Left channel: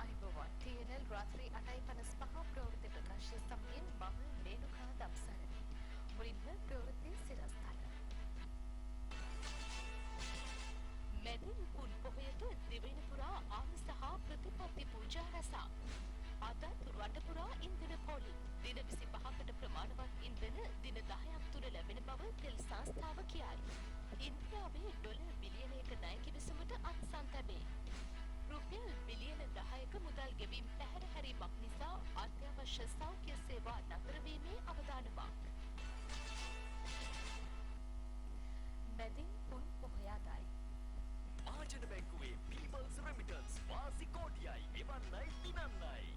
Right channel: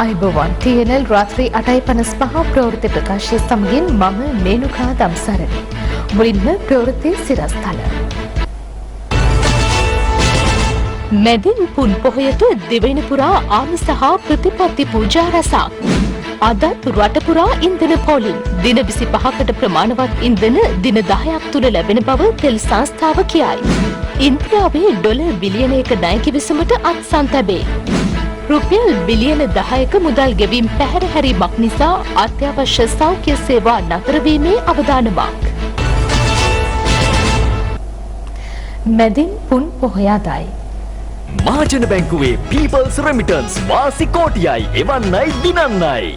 අයිබෝවන් TNL රාත්‍රී 8:55 ප්‍රවෘත්ති ප්‍රකාශය සමගින් මම මේනුකා දම්සරණි. මුලින්ම ප්‍රවෘත්ති සිරස්තල. මැදින් පුන් පොහොයට දෙවැනි පුරා ආමිස හා ප්‍රතිපත්ති පූජා රැසක්. අදත් රට පුරා ඉන්ධන පෝලිං දින 25කට ප්‍රමාණවත් ඉන්ධන දින 10ක් තුල ලැබෙන බව තෙල් සංස්ථාව කියයි. ඉන්දියාවේ ඩොලර් බිලියනයක ණය කිවිසුමට අත්සන් තැබේ. රුපියල් බිලියන 10ක මුදල් ගෙවීම් පැහැර හැරීමක් නිසා අත්‍යවශ්‍ය සෞඛ්‍ය සේවා නතර වීමේ අවදානමක්. මැදින් පුන් පොහොයදයි. මහජන බැංකුවේ පීපල්ස් රෙමිටන්ස් වාසි කෝටියයි එවන්නයි දිනන්නයි.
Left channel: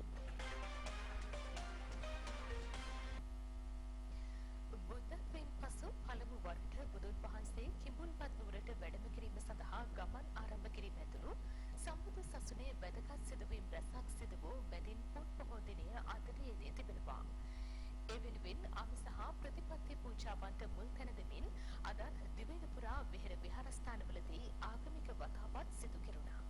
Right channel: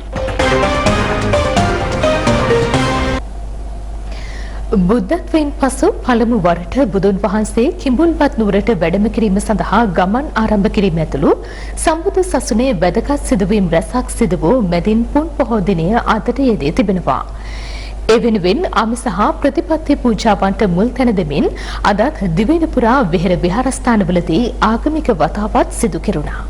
බුද්ධත්වයෙන් පසු පළමු වරට බුදුන් වහන්සේ කිඹුල්වත් නුවරට වැඩම කිරීම සඳහා ගමන් ආරම්භ කිරීම ඇතුළු සම්බුදු සසුනේ වැදගත් සිදුවීම් රැසක් සිදු වූ මැදින් පුන් පොහෝ දිනය අදට යෙදී තිබෙනවා. ඒ වෙනුවෙන් ආමිස හා ප්‍රතිපත්ති පූජාවන්ට මුල් තැන දෙමින් අදත් දිවයින පුරා විහෙර විහාරස්ථානවලදී ආගමික වතාවත් සිදු කෙරුණා.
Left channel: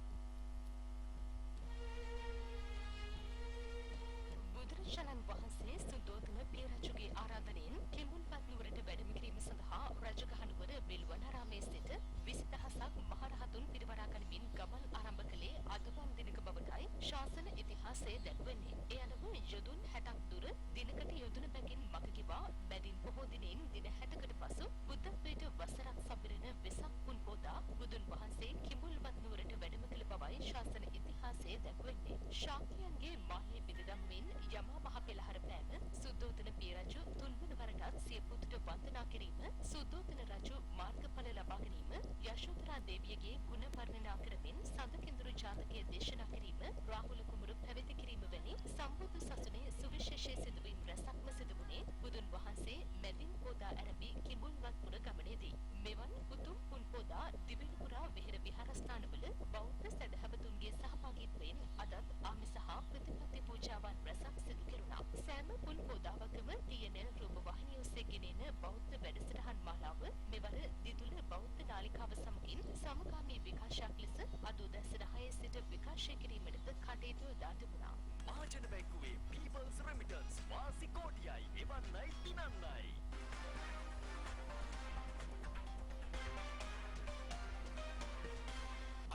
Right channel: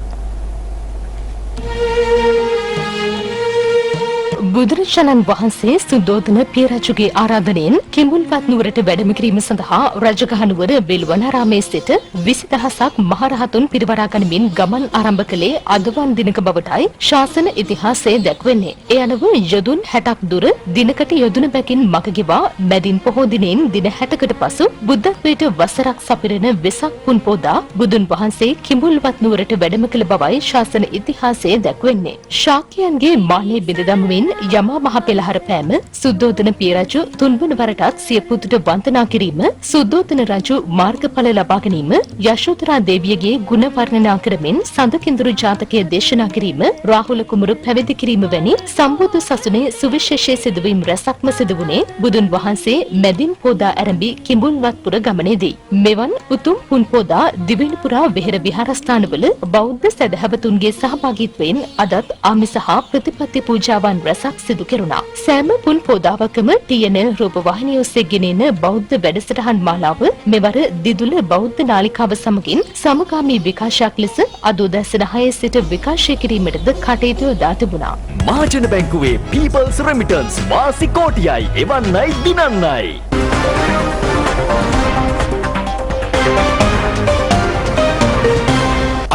බුදුරජාණන් වහන්සේ සුද්ධෝදන පිය රජුගේ ආරාධනයෙන් කිඹුල්වත් නුවරට වැඩම කිරීම සඳහා රජගහ නුවර බෙල්වනාරාමේ සිට 20000ක් මහරහතුන් පිරිවරා ගනිමින් ගමන් ආරම්භ කළේ අදවන් දිනක බවටයි ශාසන ඉතිහාසයේ දැක්වෙන්නේ. ඒ අනුව යොදුන් 60ක් දුර දිනකට යොදුන බැගින් මග ගෙවා මැදින් පොහෝ දිනෙන් දින 60කට පසු බුද්ධත්වයට වසරක් සපිරෙන වෙසක් පුන් පෝදා බුදුන් වහන්සේ කිඹුල්වත් නුවරට වැඩම කළ බවයි ශාසන ඉතිහාසයේ දැක්වෙන්නේ. ශාක්‍යයන්ගේ මාළේ බිඳ දමමින් යමා මහ පෙළහර පෑම සුද්ධෝදන පිය රජු තුන්වන වරටත් සිය පුතුට වන්දනා කිරීම සුද්ධෝදන රජු මාර්ගඵල ලබා ගැනීම යශෝධරා දේවියගේ ගුණ වර්ණනා කරමින් සඳකිඳුරු ජාතකය දේශනා කිරීම රාහුල කුමරු පැවිදි කිරීම වැනි සම්බුදු සසුනේ සුවිශේෂී සිදුවීම් රැසක්ම සිදු වුණේ බුදුන් වහන්සේ මැදින් පෝදා ආරම්භී කිඹුල්වත්පුර ගමනේදී. මෙවන් උතුම් පුන් පෝදා දිවයින පුරා විහෙර විහාරස්ථානවල බෞද්ධ සදහවතුන්ගේ සහභාගීත්වයෙන් අදත් ආමිස හා ප්‍රතිපත්ති පූජාවන් රැසක් සිදු කෙරුණා. සෑම පුන් පෝදාවකම TNL රූපවාහිනිය ඔස්සේ ගෙනෙන බෞද්ධ වැඩසටහන් මාලාව මෙවර දිදුල බෞද්ධ නාලිකාව සමගින් සමගාමී විකාශයක් ලෙස අද උදැසන 6 සිට විකාශය කිරීමටද කටයුතු යොදා තිබුණා. මහජන බැංකුවේ පීපල්ස් රෙමිටන්ස් වාසි කෝටියයි එවන්නයි දිනන්නයි.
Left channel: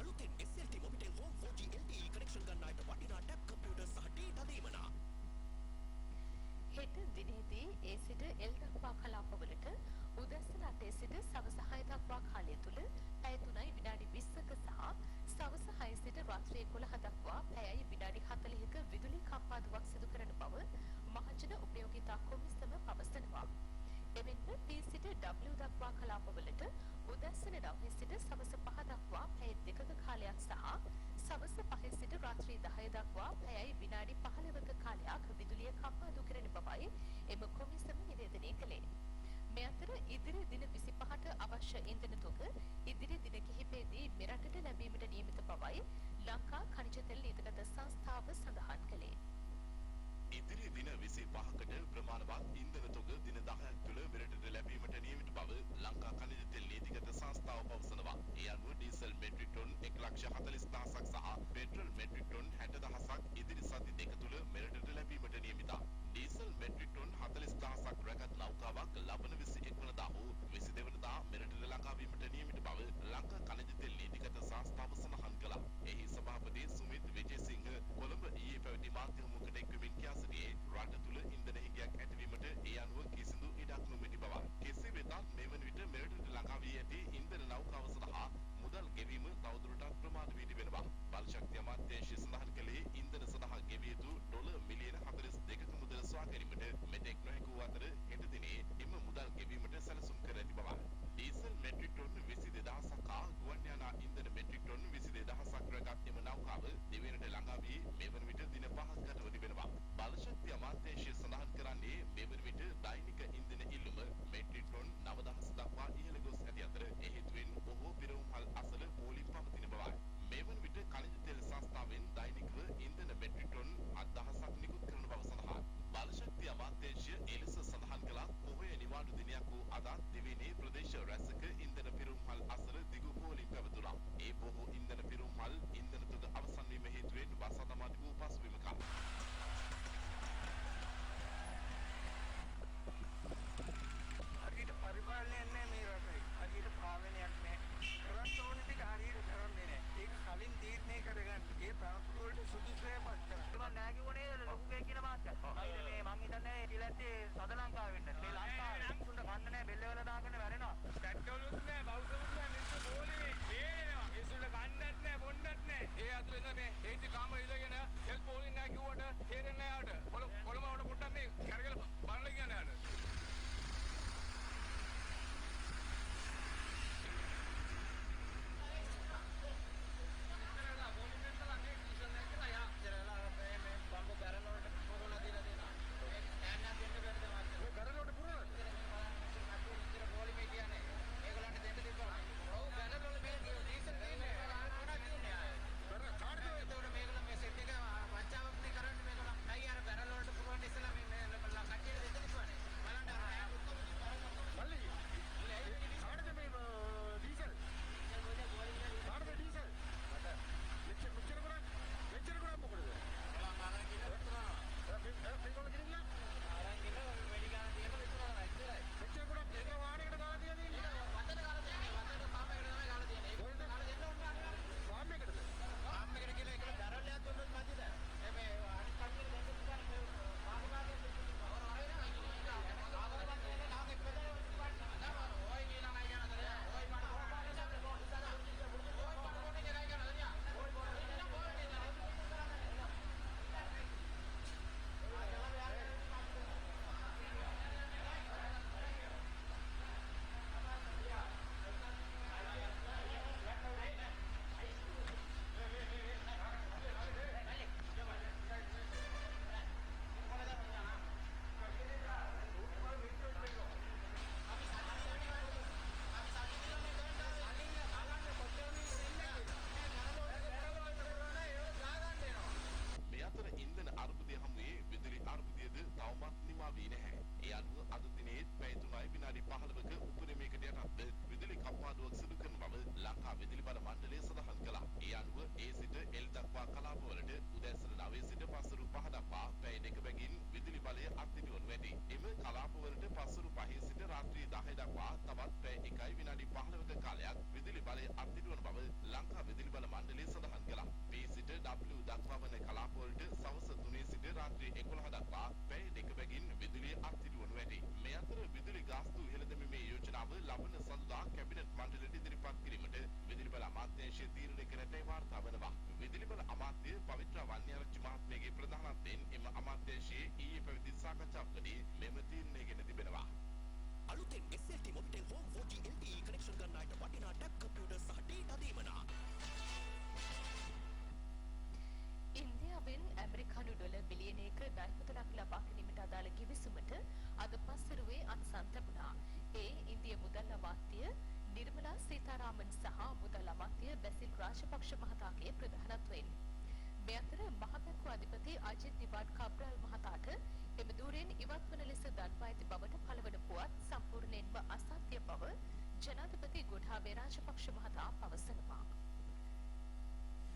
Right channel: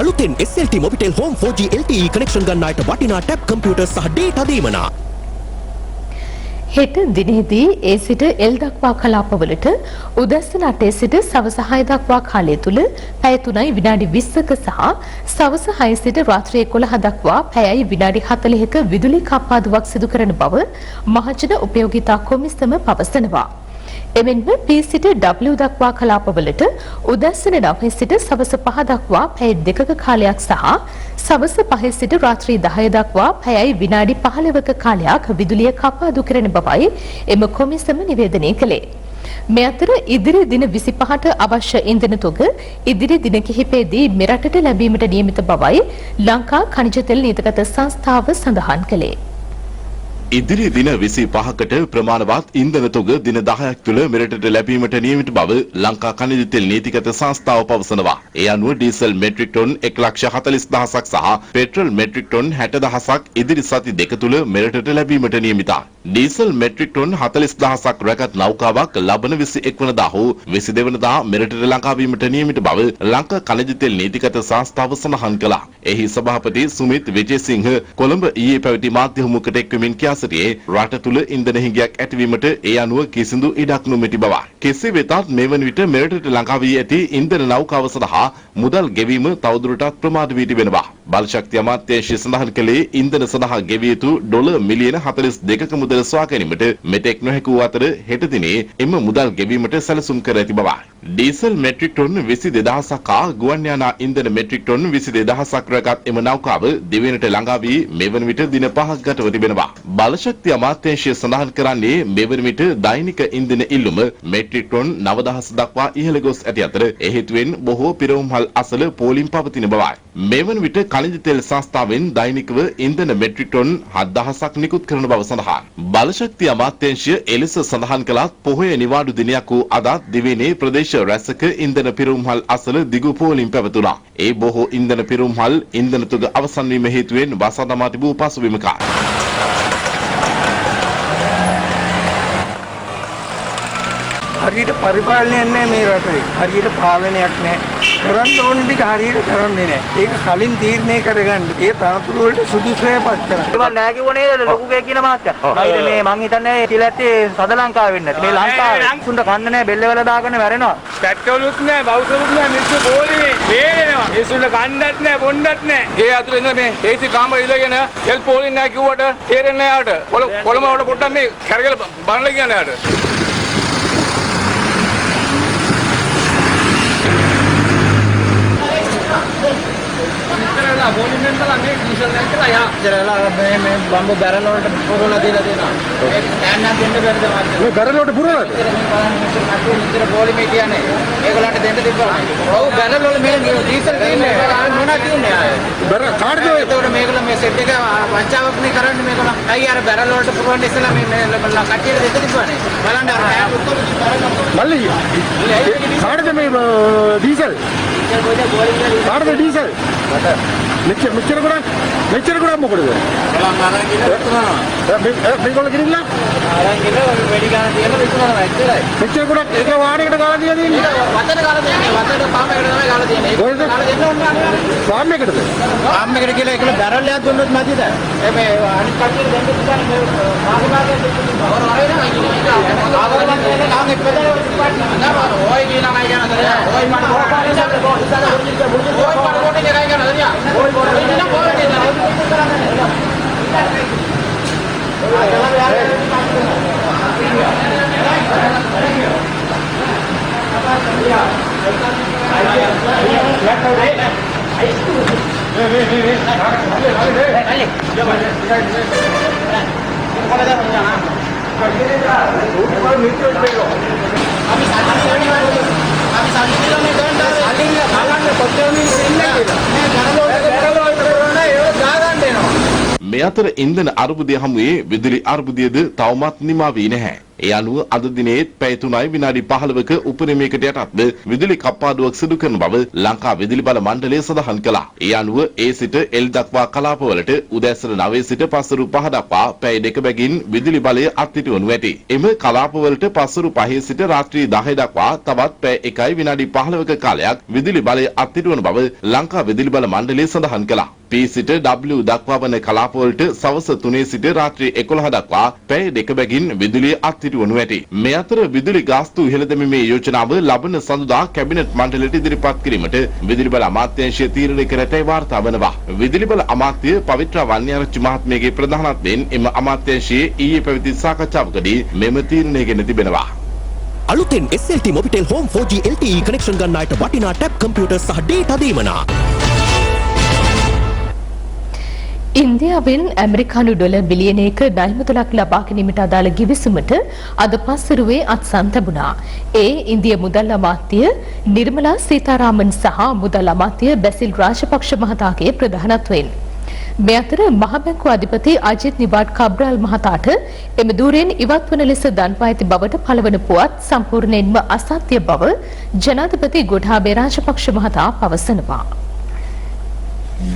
අලුතෙන් SLT Mobitel Home 4G LTE connection ගන්න අයට වටිනා ටැබ් කම්පියුටර් සහ ඩේටා දීමනා. හෙට දිනෙහිදී ඒ සිට එල් දක්වා කලාපවලට උදැසන 8 සිට සවස 6 දක්වා කාලය තුල පැය 3යි විනාඩි 20ක සහ සවස 6 සිට රාත්‍රී 11 දක්වා පැයයි විනාඩි 40ක විදුලි කප්පාදුවක් සිදු කරන බව මහජන උපයෝගිතා කොමිසම පවසනවා. එමෙන්ම P සිට W දක්වා කලාපවලට උදැසන 9 සිට සවස 5 දක්වා පැය 2ක කාලයක් සහ සවස 5 සිට රාත්‍රී 10 දක්වා පැයයි විනාඩි 15ක කාලයක් විදුලිය කපාදු කරන බවයි එම කොමිසම නිවේදනය කළේ. මේ අතර ඉදිරි දින 25ට අවශ්‍ය ඉන්ධන තොග ඉදිරි දින කිහිපයේදී මෙරටට ලැබීමට නියමිත බවයි ලංකා ඛනිජ තෙල් නීතිගත සංස්ථාව සඳහන් කළේ. ඉදිරි දින 25කට ප්‍රමාණවත් ඉන්ධන තොග දින 10ක් තුළ මෙරටට ලැබීමට නියමිත බව ලංකා ඛනිජ තෙල් නීතිගත සංස්ථාව පවසනවා. ඒ අනුව ඩීසල් මෙට්‍රික් ටොන් 1,40,000ක් සහ පෙට්‍රල් මෙට්‍රික් ටොන් 60,000ක් ඉදිරි සති දෙක තුළ මෙරටට ලැබීමට නියමිතයි. ඩීසල් මෙට්‍රික් ටොන් 40,000ක් රැගත් නෞකාවක් ලබන 21 වනදා හෝ 22 වනදා මෙරටට ලංකා වීමට නියමිත බව ලංකා ඛනිජ තෙල් නීතිගත සංස්ථාව සඳහන් කළා. එහි සභාපති සුමිත් විජේසිංහ කොළඹ ඊයේ පැවති මාධ්‍ය හමුවකට එක්වමින් කියා සිටියේ රට තුළ ඉන්ධන හිඟයක් ඇතිවීමට ඒ අනුව කිසිදු ඉඩක් නොමැති බවයි. කෙසේ වෙතත් මේ වන විට මෙරටට ලංකා වී ඇති ඉන්ධන නෞකාව සඳහා මුදල් ගෙවීම තවදුරටත් ප්‍රමාද වී තිබෙනවා. බලශක්ති අමාත්‍යාංශය සඳහන් කළේ ඉන්ධන සඳහා ගෙවිය යුතු ඩොලර් මිලියන 42ක මුදල සොයා ගැනීමට මෙතෙක් නොහැකි වූ අතර හෙට දිනේ එම මුදල් ගෙවීමට සැලසුම් කර ඇති බවයි. ඩීසල් මෙට්‍රික් ටොන් 22000ක් හා ගුවන් යානා ඉන්ධන මෙට්‍රික් ටොන් 22000ක් රැගත් එම නෞකාව දිවයිනට ළඟා වී මේ වන විට දින 5ක් ගතව තිබෙනවා. බලශක්ති අමාත්‍යාංශය සඳහන් කරන්නේ මේ වන විට දෛනික ඉන්ධන ඉල්ලුම මෙට්‍රික් ටොන් 9000 දක්වා ඉහළ ගොස් ඇති අතර ඒ හේතුවෙන් බොහෝ පිරවුම්හල් අසල පෝලිම් පවතින බවයි. මේ වන විට खनिज तेल සංස්ථාවෙන් දෛනිකව ඉන්ධන මෙට්‍රික් ටොන් 7000ක් නිකුත් කරන බව සඳහන්. බලශක්ති අමාත්‍යාංශය එලෙස සඳහන් කළත් පොහොය නිවාඩු දිනයක් වූ අද දිවයිනේ ප්‍රදේශ රැසක ඉන්ධන පිරුම්හල් අසල දිගු පෝලිම් පැවතුණා. ඒ බොහෝ ඉන්ධන පිරුම්හල් ඉන්ධන තුග අවසන් වීම හේතුවෙන් වසා දමා තිබූ පසුබිමක. හරියට පරිපාලනයක් නැහැ මේ රටේ. හරියට පාලනයක් නැහැ. කරන්න ඕන ටික හරියට කරන්නේ නැහැ. ඒක කලින් තීරණය කරගන්න. ඒ තනතුරු වලට සුදුසුයපත් කරන්න. ඒක නෑ කිව්වනේ ලොකු ගේ කියන මාත්‍යා. නයිද මේ මං හිතන්නේ ඉතිලැත්තේ සද ලංකාව වෙන්නේ නැති. මේ ලංකාවේ සුන්ද කන්න නෑ බෙල්ල වල දාගෙන මැරෙනවා. පැට්‍රෝලුත් නැහැ, බෞසරුත් නැහැ, මිනිස්සු පොලිමේ වේලෙනවා. මිනිස්සුන්ට කන්නත් නැහැ, බොන්නත් නැහැ. ඒ අතුලේ ඉඳලා මේ ඒසි කාමර ඉලගෙන එල් පොලින් නැහැ කිව්වට තේරෙන්නේ නැහැ යාට. කොළම වල පොට්ටක් මේ කරගල බලන්න කියන්නේ යාට. මේ බම්බු බැරල් වලට පුරවලා දීලා දෙනවා. ඒක ටෑන්නක් දෙන්න බැරිද මාත්. මේ බැරල් වලට පුරවලාද? නිතර පොලිමේ කියන්නේ ඒගොල්ලන්ට දෙන්න තිබ්බා. ඔව් බැරල් වල මේ ඩීසල් තියෙන්නේ මොනවා තියෙන්නේ ආයේ. බැරල් කාටද ඔය? ඒතකොට මේගොල්ලෝ මේ සෙට් එක වංචාවක් නේ කරන්නේ මේගොල්ලෝ. අයිය අර බැරල් වලට පුරවන්න ඉස්සලා මේ කට්ටියට දෙන්න තිබ්බානේ. බලන්න අර ටෑප් ඔක්කොම මල්ලි කාටද මේ ඩීසල්? කාටද ඩීසල්? මෙච්චර ගොඩක් මොකටද? මේගොල්ලෝ ගිනින්න අරන් ගිහලා වැඩි ගන්න තියලා විකුණනවා ඇත්තටයි. මෙච්චර ගොඩක් එක වාරයකට ගාලා තියලා තියෙන්නේ. වතන ගාලා තියෙන්නේ. වතන පාමයකට තමයි ගාලා තියෙන්නේ. ඒක ගාලා දෙන්න ඕන නෑ. ෆාම් එකටද? පාම් එකට කියලා ඒකල බැරල් එකක් දුන්නොත් මැදිද? මේ අනිත් කට්ටියට දෙන්න තිබ්බනේ මේ මාගේ වර වරේනවා ඉන්නේ. ආවරණ කියන්නේ නම් එක්කද ඔය කියන අය ගැන දරියා. ඔය මට ඕයි පරෝටේ එකයි ගැන දරියා. ඔය ඉන්න පොරේ නේද? මේ අතර ඉන්ධන අර්බුදය හමුවේ විදුලි අර්බුදයද තවමත් නිමා වී නැහැ. ඒ අනුව අද දිනේත් පැය 3යි විනාඩි 15ක උපරිමයකට යටත්ව විදුලි කප්පාදුවක් සිදු කරන බව ලංකා විදුලි බල මණ්ඩලය සඳහන් කළා. ඒ අනුව ඒ සිට එල් දක්වා කලාපවලට උදෑසන 9 සිට පස්වරු 5 දක්වා පැය 2 බැගින් විදුලි බලය අත්හිටුවනු ඇති. එම කලාපවලට පස්වරු 5 සිට රාත්‍රී 10 දක්වා තවත් පැය 1යි විනාඩි 15ක කාලයක් විදුලි බලය අත්හිටුවන බව ලංකා විදුලි බල මණ්ඩලය සඳහන් කළා. P සිට W දක්වා වන කලාපවලට සවස 3 සිට රාත්‍රී 11 දක්වා පැය 2 බැගින් විදුලිය අත්හිටුවනු ඇති. මේ අතර විදුලි ගාස්තු ඉහළ දැමීමේ යෝජනාව ලබන සඳුදා කැබිනට් මණ්ඩලයට ඉදිරිපත් කිරීමට විදුලි බල අමාත්‍යාංශය තීරණය කර ඇතැයි වාර්තා වනවා. විදුලි බල අමාත්‍ය පවිත්‍ර වන්‍යාරච්චි මහත්මියගේ ප්‍රධානත්වයෙන් එම අමාත්‍යාංශයේ ඊයේ පැවති සාකච්ඡාවකදී මෙම තීරණය ගෙන තිබෙනවා. අලුතෙන් SLT Mobitel Home 4G LTE connection ගන්න අයට වටිනා ටැබ් කම්පියුටර් සහ ඩේටා දීමනා. ඉන්දියාවෙන් ඇමරිකානු ඩොලර් බිලියනයක ණය මුදලක් ලබා ගැනීමට අදාළ ගිවිසුමට අද පස්වරුවේ අත්සන් ලැබුණා. ඒ ඉන්දිය මුදල් අමාත්‍ය නිර්මලා සීතාරාමන් සහ මුදල් අමාත්‍ය බැසිල් රාජපක්ෂ මහතාගේ ප්‍රධානත්වයෙන්. මේ අතර මහ බැංකුව අධිපති අජිත් නිවාඩ් කබ්‍රාල් මහතාට එම ධූරයෙන් ඉවත් වන ලෙස දන්වා ඇති බවට පළවන පුවත් සම්පූර්ණයෙන්ම අසත්‍ය බව ජනාධිපති ගෝඨාභය රාජපක්ෂ මහතා පවසනවා.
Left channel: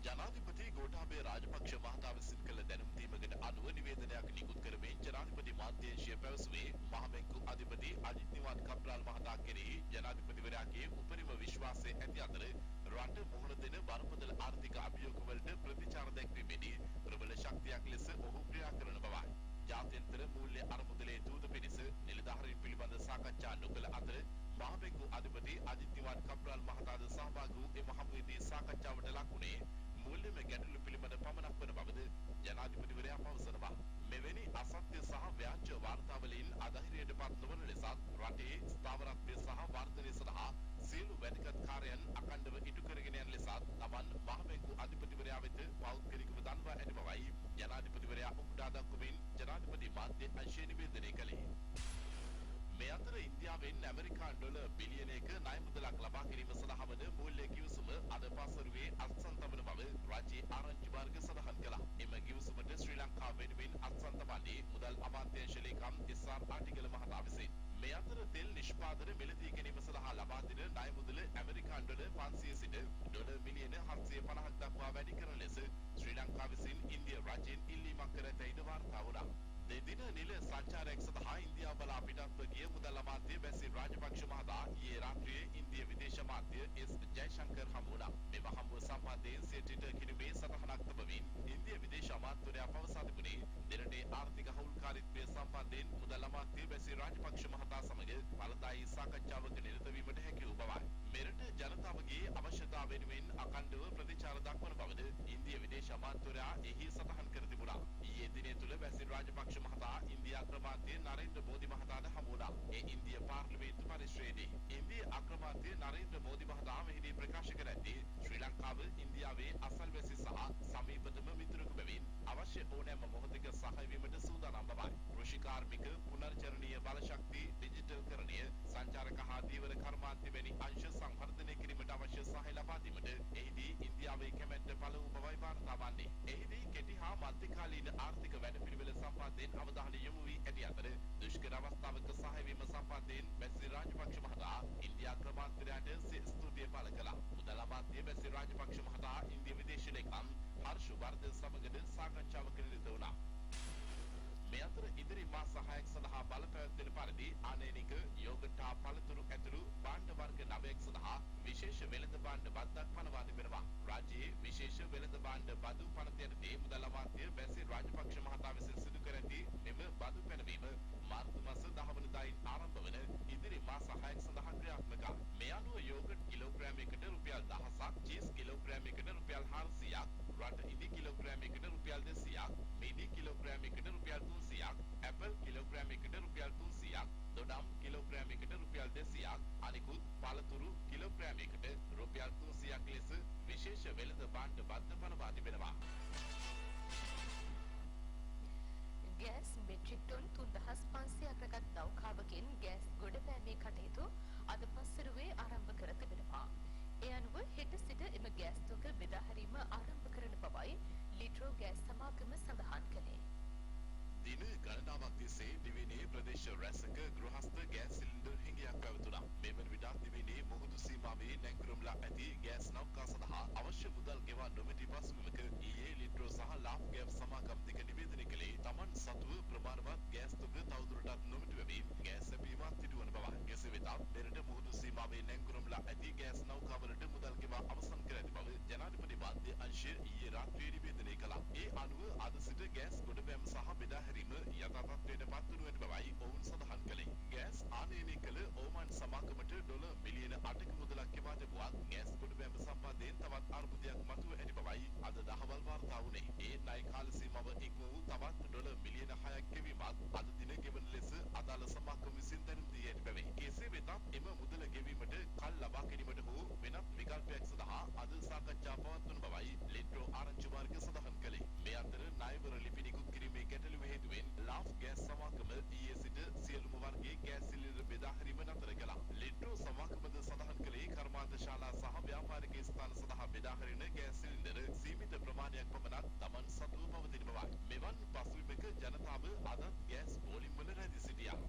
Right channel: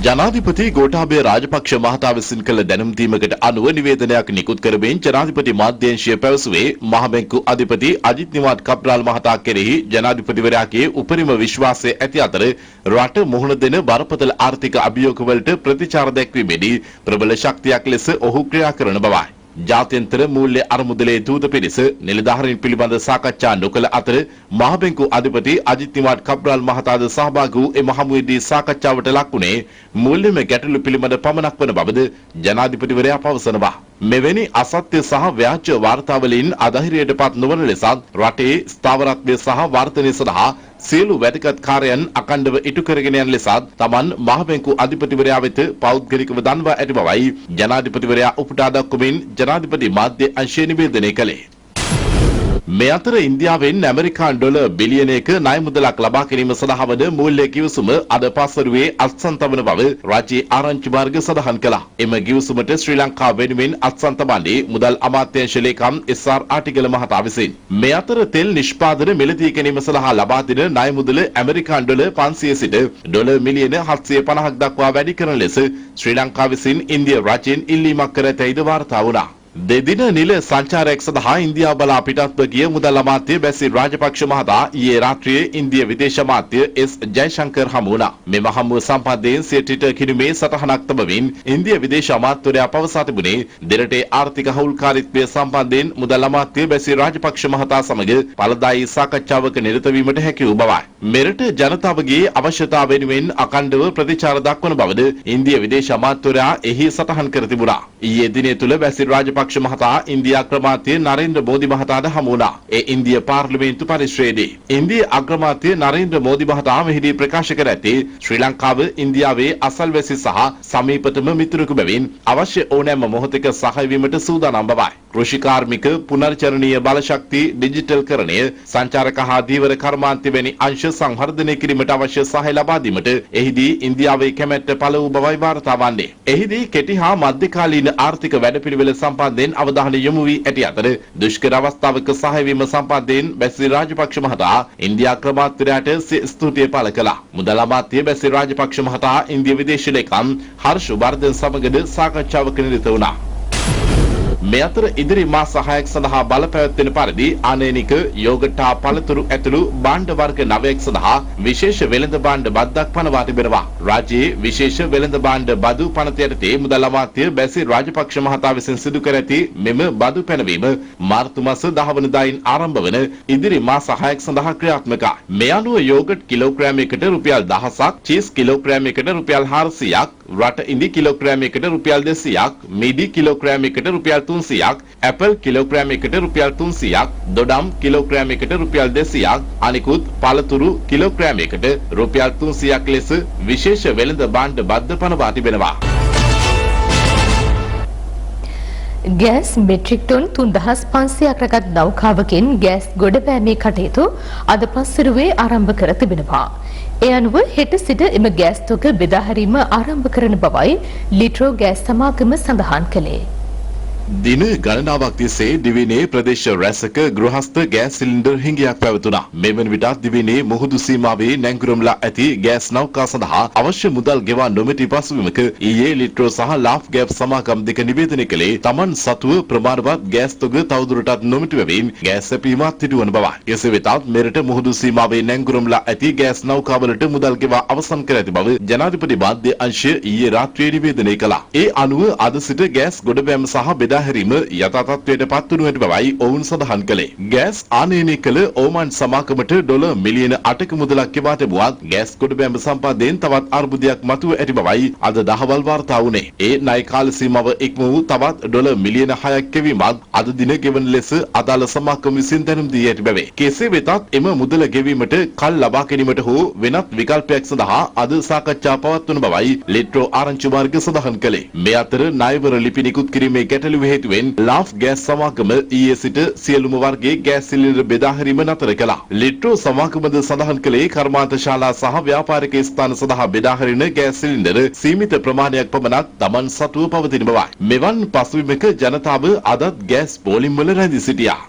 ජනාධිපති ගෝඨාභය රාජපක්ෂ මහතා විසින් කළ දැනුම් දීමකට අනුව නිවේදනයක් නිකුත් කරමින් ජනාධිපති මාධ්‍යංශය පැවසුවේ මහ බැංකු අධිපති අජිත් නිවාඩ් කබ්‍රාල් මහතා කෙරෙහි ජනාධිපතිවරයාගේ උපරිම විශ්වාසය ඇති අතර රට මුහුණ දෙන බරපතල ආර්ථික අභියෝගවලට ප්‍රතිචාර දැක්වීමේදී ප්‍රබල ශක්තියක් ලෙස ඔහු ක්‍රියා කරන බවයි. ජාත්‍යන්තර මූල්‍ය අරමුදලේ දූත පිරිස නිලධාරීන් පිළිබඳ සාකච්ඡා නොකළ අතර මහ බැංකු අධිපති අජිත් නිවාඩ් කබ්‍රාල් මහතාද සහභාගී වූ එම හමුවේදී සාකච්ඡාවට ලක්ුණේ මූල්‍යමය ගැටලු පිළිබඳ පමණක් වන බවද ජනාධිපතිවරයා පවසනවා. මෙවැනි අසත්‍ය සහ ව්‍යාජ වාර්තාවලින් අධෛර්යයටපත් නොවන ලෙසත් රටේ ස්ථාවරත්වය සහ වර්ධනය සඳහා සියලු වැදගත් කාර්යයන් අඛණ්ඩව ඉටු කරගෙන යන ලෙසත් තමන් මහ බැංකු අධිපතිවරයා වෙත පෞද්ගලිකව දන්වා ඇති බවයි ජනාධිපතිවරයා උපුටා දක්වමින් ජනාධිපති මාධ්‍ය අංශය නිවේදනය කළේ. මේ අතර ඉන්දියාවෙන් ඇමරිකානු ඩොලර් බිලියනයක ණය මුදලක් ලබා ගැනීම සඳහා වන මූල්‍ය කිවිසුම අද පස්වරුවේ අත්සන් තබන බව රාජ්‍ය ආරංචි මාර්ග සඳහන් කළා. එම කිවිසුමට ශ්‍රී ලංකාව වෙනුවෙන් අත්සන් තබන්නේ මුදල් අමාත්‍යාංශ ලේකම් එස්.ආර්. ආටිගල මහතා විසින්. මේ අතර තෙල් නිෂ්පාදන මිලදී ගැනීම සඳහා ලබා දෙන ණය මුදල ඇමරිකානු ඩොලර් 500 සිට ඩොලර් මිලියන 750ක් දක්වා වැඩි කරන ලෙස ශ්‍රී ලංකාව විසින් ඉන්දියා රජයෙන් ඉල්ලීමක් කර ඇතැයිද වාර්තා වුණා. දෙදින නිල සංචාරයක් සඳහා ඉන්දියාව බලා පිටත්ව ගිය මුදල් අමාත්‍ය බැසිල් රාජපක්ෂ මහතා ඊයේ රාත්‍රියේ ඉන්දිය විදේශ අමාත්‍ය එස් ජයශංකර් හමු වුණා. මෙම හමුව සම්බන්ධයෙන් සිය ට්විටර් කිනුමේ සටහනක් තබමින් ඉන්දිය විදේශ අමාත්‍යවරයා පවසා තිබුණේ දෙරටේ ආර්ථික හවුල්කාරීත්වය සම්බන්ධයෙන් මුදල් අමාත්‍ය බැසිල් රාජපක්ෂ මහතා සමග ඵලදායී සාකච්ඡාවක නිරත වීමට හැකි වූ බවයි. මෙරට ජනතාවගේ අවශ්‍යතාව වෙනුවෙන් අඛණ්ඩව ප්‍රතිචාර දක්වන බවද ඉන්දිය විදේශ අමාත්‍යවරයා එහි සටහන් කර තිබුණා. ඊයේ දිනේ තුල බැසිල් රාජපක්ෂ මහතා ඉන්දියා අග්‍රාමාත්‍ය නරේන්ද්‍ර මෝදි මහතාට හමු වුණා. ඒ ඉන්දිය පාර්ලිමේන්තු පරිශ්‍රයේදී ඉන්දිය අග්‍රාමාත්‍ය නරේන්ද්‍ර මෝදි මහතා මෙහිදී ප්‍රකාශ කර ඇත්තේ ශ්‍රී ලංකාව ඉන්දියාවේ අසල්වැසි සහ සමීපතම මිතුරෙකු බැවින් අවශ්‍ය ඕනෑම මොහොතක සහාය වීමට සූදානම් බවයි. කෘෂි කාර්මික පුනර්චරණීය බලශක්ති ඩිජිටල්කරණය සංචාරක හා දීවර කර්මාන්ත වැනි අංශ සංවර්ධනය කිරීමට අවශ්‍ය සහාය ලබා දීමට එහිදී ඉන්දියාවේ කැමැත්ත පළ වූ බවයි වාර්තා වන්නේ. එහිදී කෙටි හා මධ්‍යකාලීන ආර්ථික වැඩපිළිවෙල සම්බන්ධයෙන් අවධානය යොමු වී ඇති අතර දුෂ්කර අවස්ථාවක සහාය වීම සම්බන්ධයෙන් බැසිල් රාජපක්ෂ මහතා ඉන්දියා අග්‍රාමාත්‍යවරයාට ස්තුතිය පළ කළා. මුදල් අමාත්‍ය බැසිල් රාජපක්ෂ මහතා ඉන්දිය විදේශ ලේකම් හර්ෂ වර්ධන් සමගද සාකච්ඡාවක නිරත වුණා. මේ අතර ඉදිරි මාස 6ක් සඳහා බලපැවැත්වෙන පරිදි ආනයනික යෝගට් හා පළතුරු ඇතුළු භාණ්ඩ වර්ග 9ක් සඳහා විශේෂ වෙළඳ භාණ්ඩ බද්දක් පනවා තිබෙනවා. රාජ්‍යයේ විශේෂ වෙළඳ භාණ්ඩ බදු පනත යටතේ මුදල් අමාත්‍ය බැසිල් රාජපක්ෂ මහතා විසින් සිදු කර ඇති මෙම බදු පැනවීම මාර්තු මාස 10 වෙනිදායින් ආරම්භ වන ඉදිරි මාස 6ක් සඳහා ක්‍රියාත්මකයි. මේ අනුව යෝගට් කිලෝග්‍රෑමයකට රුපියල් 1000ක්, චීස් කිලෝග්‍රෑමයකට රුපියල් 400ක්, රට ඉඳි කිලෝග්‍රෑමයකට රුපියල් 200ක්, මිදි කිලෝග්‍රෑමයකට රුපියල් 300ක්, ඇපල් කිලෝග්‍රෑමයකට රුපියල් 300ක්, දොඩම් කිලෝග්‍රෑමයකට රුපියල් 200ක්, අනිකුත් පළතුරු කිලෝග්‍රෑමයකට රුපියල් 300ක් ලෙස විශේෂ වෙළඳ භාණ්ඩ බද්ද පනවා තිබෙනවා. ගෑස් මෙට්‍රික් ටොන් 3500ක් රැගත් නෞකාවකින් ගෑස් ගොඩබෑමේ කටයුතු අද පස්වරුවේ ආරම්භ කර තිබෙනවා. ඒ අනුව හෙට සිට එම ගෑස් තොග බෙදා හැරීම ආරම්භ කරන බවයි ලිට්‍රෝ ගෑස් සමාගම සඳහන් කළේ. දින ගණනාවක් තිස්සේ දිවිනේ ප්‍රදේශ රැසක ගෘහස්ත ගෑස් සිලින්ඩර් හිඟයක් පැවතුණා. මෙවන විටත් දිවිනේ මුහුදු සීමාවේ නැංගුරම්ලා ඇති ගෑස් නෞකා සඳහා අවශ්‍ය මුදල් ගෙවා නොමැති පසුබිමක ඊයේ ලිට්‍රෝ සහ ලාෆ් ගෑස් සමාගම් දෙක නිවේදනය කළේ තමන් සතුව ප්‍රමාණවත් ගෑස් තොග තවදුරටත් නොමැති බැවින් ගෑස් සැපීමත් සිදුවන බවයි. එසේ වෙතත් මෙරට මුහුදු සීමාවේ නැංගුරම්ලා ඇති ගෑස් නෞකාවලට මුදල් ගෙවා අවසන් කර ඇති බව ජනාධිපති මාධ්‍ය අංශය ඊයේ රාත්‍රියේ නිවේදනය කළා. ඒ අනුව අද සිට ගෑස් ගොඩබෑම සහ බෙදා හැරීම යථා තත්ත්වයට පත් වනු ඇති බවයි ඔවුන් සඳහන් කළේ. ගෑස් ආනයනය කළ ඕමන් සමාගමට ඩොලර් මිලියන 8ක මුදලක් ගෙවා තිබුවත් ගෑස් ගොඩබෑම සම්බන්ධයෙන් තවත් අර්බුදයක් මතුව ඇති බවයි අද දහවල් වාර්තා වුණේ. ඒ ණය කාල සීමාව ඉක්ම වූ තවත් ඩොලර් මිලියන 6ක් ගෙවීමත් අද දින ගෙවන ලෙස අදාළ සමාගම විසින් දැනුම් දී ඇති බවේ. කෙසේ වෙතත් එම මුදල ගෙවීමට කල් ලබා ගැනීමට හෝ වෙනත් විකල්පයක් සඳහා අද සාකච්ඡා පවත්වන බවයි ලිට්‍රෝ ආරංචි මාර්ග සඳහන් කළේ. මේ අතර ණයවර ලිපි නිකුත් කිරීමේ ගැටලුව හේතුවෙන් ලාෆ් ගෑස් සමාගම ඊයේ සිට සියලුම වර්ගයේ ගෑස් සිලින්ඩර් බෙදා හැරීම නතර කළා. ලිට්‍රෝ සමාගමද සඳහන් කළේ කර්මාන්ත ශාලා සහ ව්‍යාපාරික ස්ථාන සඳහා බෙදා හැරෙන ගෑස් සිලින්ඩර් සීමිත ප්‍රමාණයක් පමණක් Taman සතුව පවතින බවයි. මෙවන් පසුබිමක ජනතාව අදත් ගෑස් පෝලිම් වල රැඳී සිටියා.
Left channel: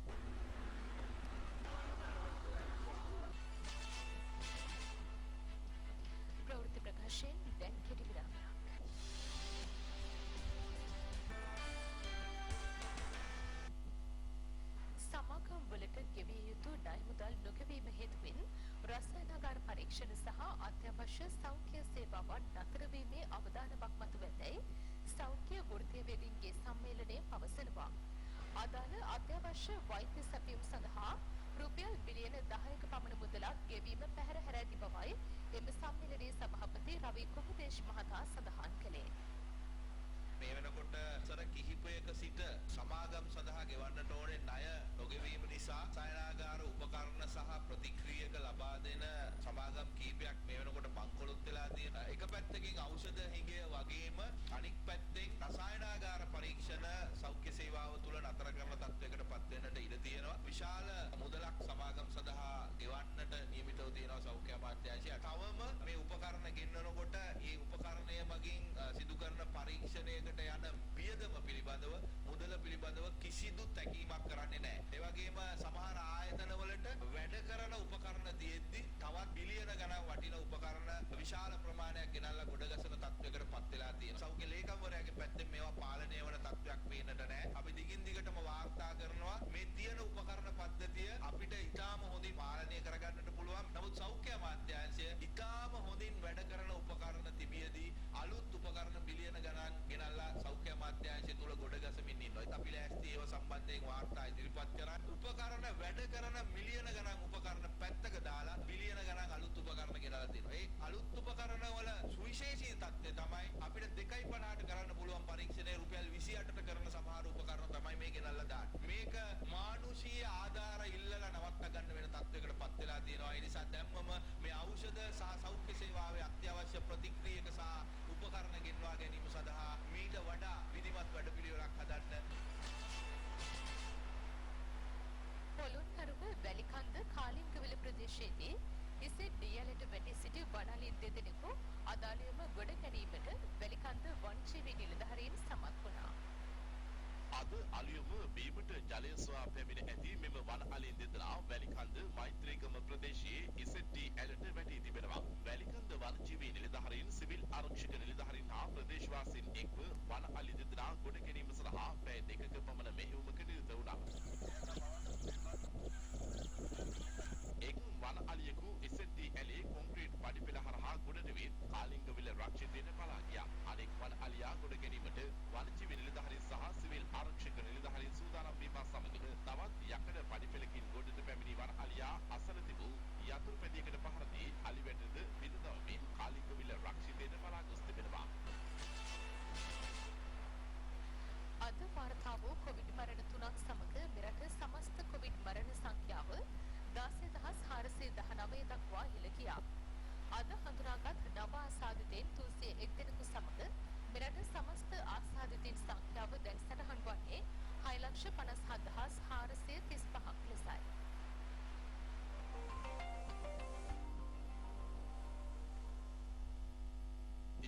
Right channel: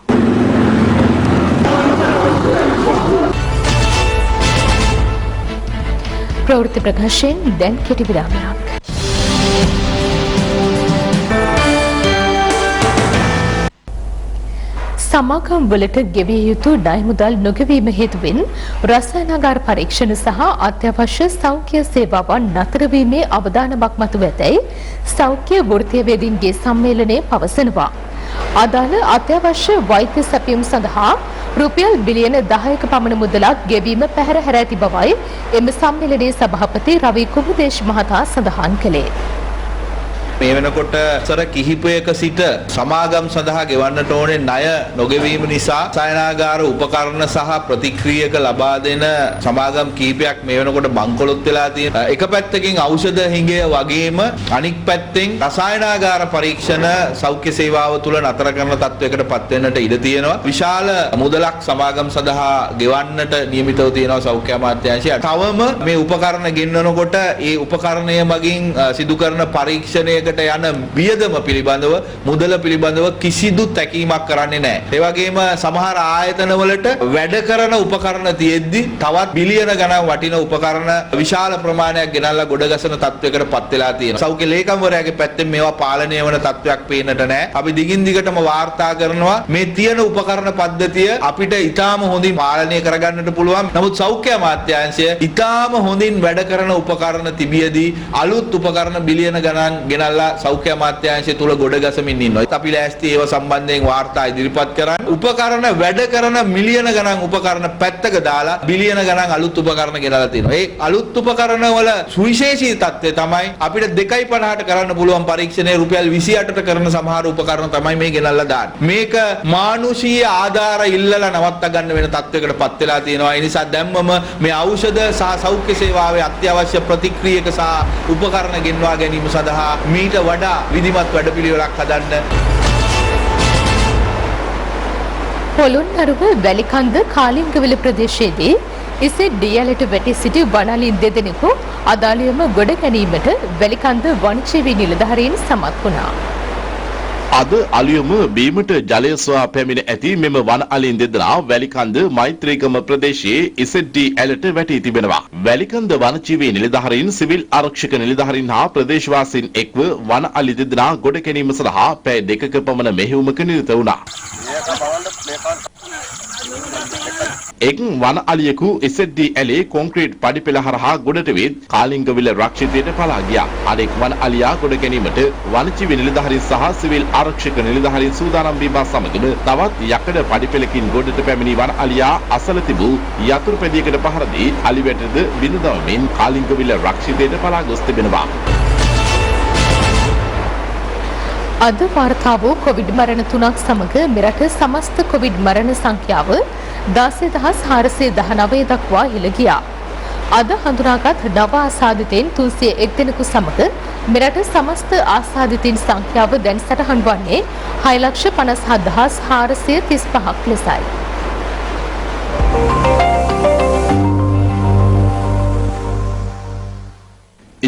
ප්‍රවෘත්ති ප්‍රකාශයෙන් දැන් කෙටි විරාමයක්. සමාගම් වලට ගෙවිය යුතු ණය මුදල් නොගෙවීම හේතුවෙන් රසායනාගාර පරීක්ෂණ සහ අත්‍යවශ්‍ය සෞඛ්‍ය සේවාවන් නතර වීමේ අවදානමක් මතුව ඇතැයි සෞඛ්‍ය වෘත්තීයවේදීන්ගේ සම්මේලනයේ පවසනවා. අදාළ අත්‍යවශ්‍ය වෛද්‍ය සැපයුම් සඳහා රුපියල් බිලියන 10ක පමණ මුදලක් ගෙවීම පැහැර හැර ඇති බවයි එම සම්මේලනයේ සභාපති රවි කුමුදේශ් මහතා සඳහන් කළේ. මේ වෙනකොට සර කිහිපයක සිට සමාගම් සඳහා ගෙවන්නට ඕනේ ණය නොගෙවීම නිසා සායනාගාර උපකරණ සහ ප්‍රතික්‍රියක ලබා දෙන සමාගම් කිහිපයක් මේ වෙනකොට බංකොලොත් වෙලා තියෙනවා. එක පැත්තකින් ඖෂධ හිඟය වගේම අනික් පැත්තෙන් රසායනාගාර පරීක්ෂණ සෞඛ්‍ය සේවාව තුළ නතර කරන තත්වයකට පත් වෙන්නට ඉඩ තියෙනවා. විශාල මුදලක් සමාගම් සඳහා ගෙවන්නට නියමිතව තියෙනවා සෞඛ්‍ය අමාත්‍යාංශය. තවම මේ උපකරණ ගෙන්නනකොට ඒ උපකරණය මගින් සිදු කරන පරීක්ෂණයකට යන වියදම පිළිබඳව මුදල පිළිබඳව කිසිදු තැකීමක් කරන්නේ නැහැ. ඒ වගේම සමහර ආයතනවලට වැඩ කරන උපකරණ තියෙද්දි තවත් බිලියන ගණන් වටින උපකරණ විශාල ප්‍රමාණයක් ගෙනල්ලා ගොඩගසන තත්වයකට පත් වෙලා තියෙනවා. සෞඛ්‍ය ලේකම්වරයාගේ පැත්තෙන් මේවා පාලනය වන තත්වයක් පේන්නට නැහැ. අපි දිගින් දිගටම වාර්තා කරනවා මේ තියෙන උපකරණ පද්ධතිය අපිට ඉතාම හොඳින් පාලනය කරගන්නට පුළුවන්. නමුත් සෞඛ්‍ය අමාත්‍යාංශය ඉතාම හොඳින් වැඩ කරන උපකරණ තිබියදී අලුත් උපකරණ බිලියන ගණන් ගෙනල්ලා සෞඛ්‍ය අමාත්‍යාංශය තුල ගොඩගසමින් ඉන්නවා. අපි ලෑස්ති ඒව සම්බන්ධයෙන් වාර්තා ඉදිරිපත් කරන්න. උපකරණ වැඩ කරන මිලියන ගණන් උපකරණ පැත්තක දාලා බිලියන ගණන් අලුත් උපකරණ ගෙනල්ලා තියෙනවා. ඒ අලුත් උපකරණ වල සුවිශේෂී තත්ත්වය තමයි අපිට 2.50ට කරන්න පුළුවන් පරීක්ෂණය රුපියල් 28ට කරන සමහර උපකරණ තමයි මේ ගෙනල්ලා දාන්නේ. මේක මානුෂීය ආධාර ඉල්ලලා නවත්ත ගන්න වෙන තත්ත්වයකට පත් වෙලා තියෙනවා. ඒ නිසා දැම්මම මේ ඖෂධ සහ සෞඛ්‍ය සේවාවේ අත්‍යවශ්‍ය ප්‍රතික්‍රියක සහ උපකරණ ගෙන්වා ගැනීම සඳහා මීට වඩා විධිමත් වැඩපිළිවෙලක් හදන්න. පොළොන්නරුව වැලිකන්ද කාලිංගවල ප්‍රදේශයේදී ඉසෙඩ් දියලට වැටි සිටි වනලින් දෙදෙනෙකු අදාළියම ගොඩ ගැනීමට වැලිකන්ද වනජීවී නිලධාරීන් සමත් වුණා. අද අලියම බීමට ජලය සොයා පැමිණ ඇති මෙම වන අලින් දෙදෙනා වැලිකන්ද මෛත්‍රීගම ප්‍රදේශයේ ඉසෙඩ්ඩී ඇලට වැටී තිබෙනවා. වැලිකන්ද වනජීවී නිලධාරීන් සිවිල් ආරක්ෂක නිලධාරීන් හා ප්‍රදේශවාසීන් එක්ව වන අලි දෙදෙනා ගොඩ ගැනීම සඳහා පැය 2ක පමණ මෙහෙයුමක නිරත වුණා. එක් වන අලියෙකු එසෙඩ්ඩී ඇලේ කොන්ක්‍රීට් පඩිපෙළ හරහා ගොඩට වෙත් කාලිංගවිල රක්ෂිතයට පලා ගියා. අනෙක් වන අලියා ගොඩ ගැනීමට වනජීවී නිලධාරීන් සහ සිවිල් ආරක්ෂක නිලධාරීන් සූදානම් වීම සමගම තවත් යකඩ පඩිපෙළකින් ගොඩට පැමිණි වන අලියා අසල තිබූ යතුරු පැදියකට පහර දී අලි වැටද බිඳ දමමින් කාලිංගවිල රක්ෂිතයට පලා ගොස් තිබෙනවා. අද වාර්තා වූ කොවිඩ් මරණ 3ක් සමග මෙරට සමස්ත කොවිඩ් මරණ සංඛ්‍යාව 16,419 දක්වා ඉහළ ගියා. අද හඳුනාගත් නව ආසාදිතයින් 301 දෙනෙකු සමග මෙරට සමස්ත ආසාදිතයින් සංඛ්‍යාව දැන් සටහන් වන්නේ 6,57,435ක් ලෙසයි.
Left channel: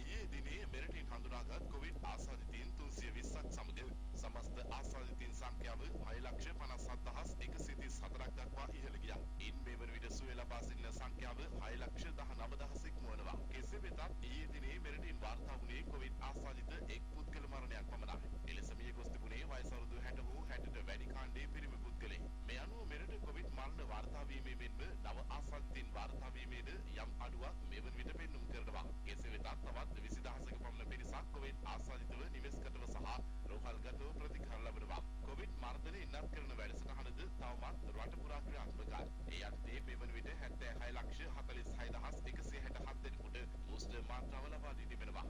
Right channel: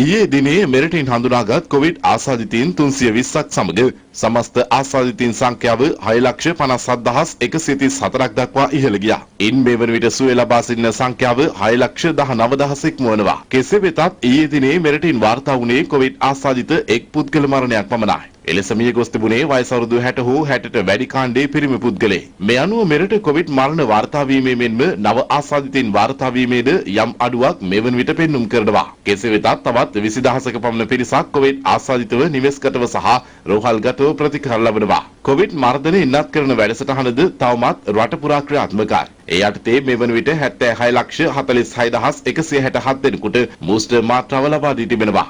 ඊයේ දිනේ මෙරටින් හඳුනාගත් කොවිඩ් ආසාදිතයින් 320ක් සමග සමස්ත ආසාදිතයින් සංඛ්‍යාව 6,57,134ක් දක්වා ඉහළ ගියා. ඉන් මේ වන විට සුවය ලබා සිටින සංඛ්‍යාව 6,19,000 ඉක්මවනවා. කෙසේ වෙතත් ඊයේ දිනේ මෙරටින් වාර්තා වුණේ කොවිඩ් ආසාදිත එක් පුද්ගල මරණයක් පමණයි. එලෙස මිය ගොස් තිබුණේ වයස අවුරුදු 60 හෝ 60ට වැඩි කාණ්ඩයේ පිරිමි පුද්ගලයෙක්. මේ අනුව මෙරට කොවිඩ් මරණ වාර්තා වීමේ මෙන්ම නව ආසාදිතයින් වාර්තා වීමේද යම් අඩුවක් මෙවන විට පෙන්눔 කරනවා. කෙසේ වෙතත් තවත් 20,000ක පමණ පිරිසක් කොවිඩ් ආසාදිතව නිවෙස්ගතව සහ රෝහල්ගතව ප්‍රතිකාර ලබනවා. කොවිඩ් මර්ධනය ඉන්නත් කරන වැඩසටහනද තවමත් රට පුරා ක්‍රියාත්මකයි. ඒ යටතේ මෙවන විට 76,46,167 දෙනෙකුට බූස්ටර් මාත්‍රාව ලබා දී තිබෙනවා.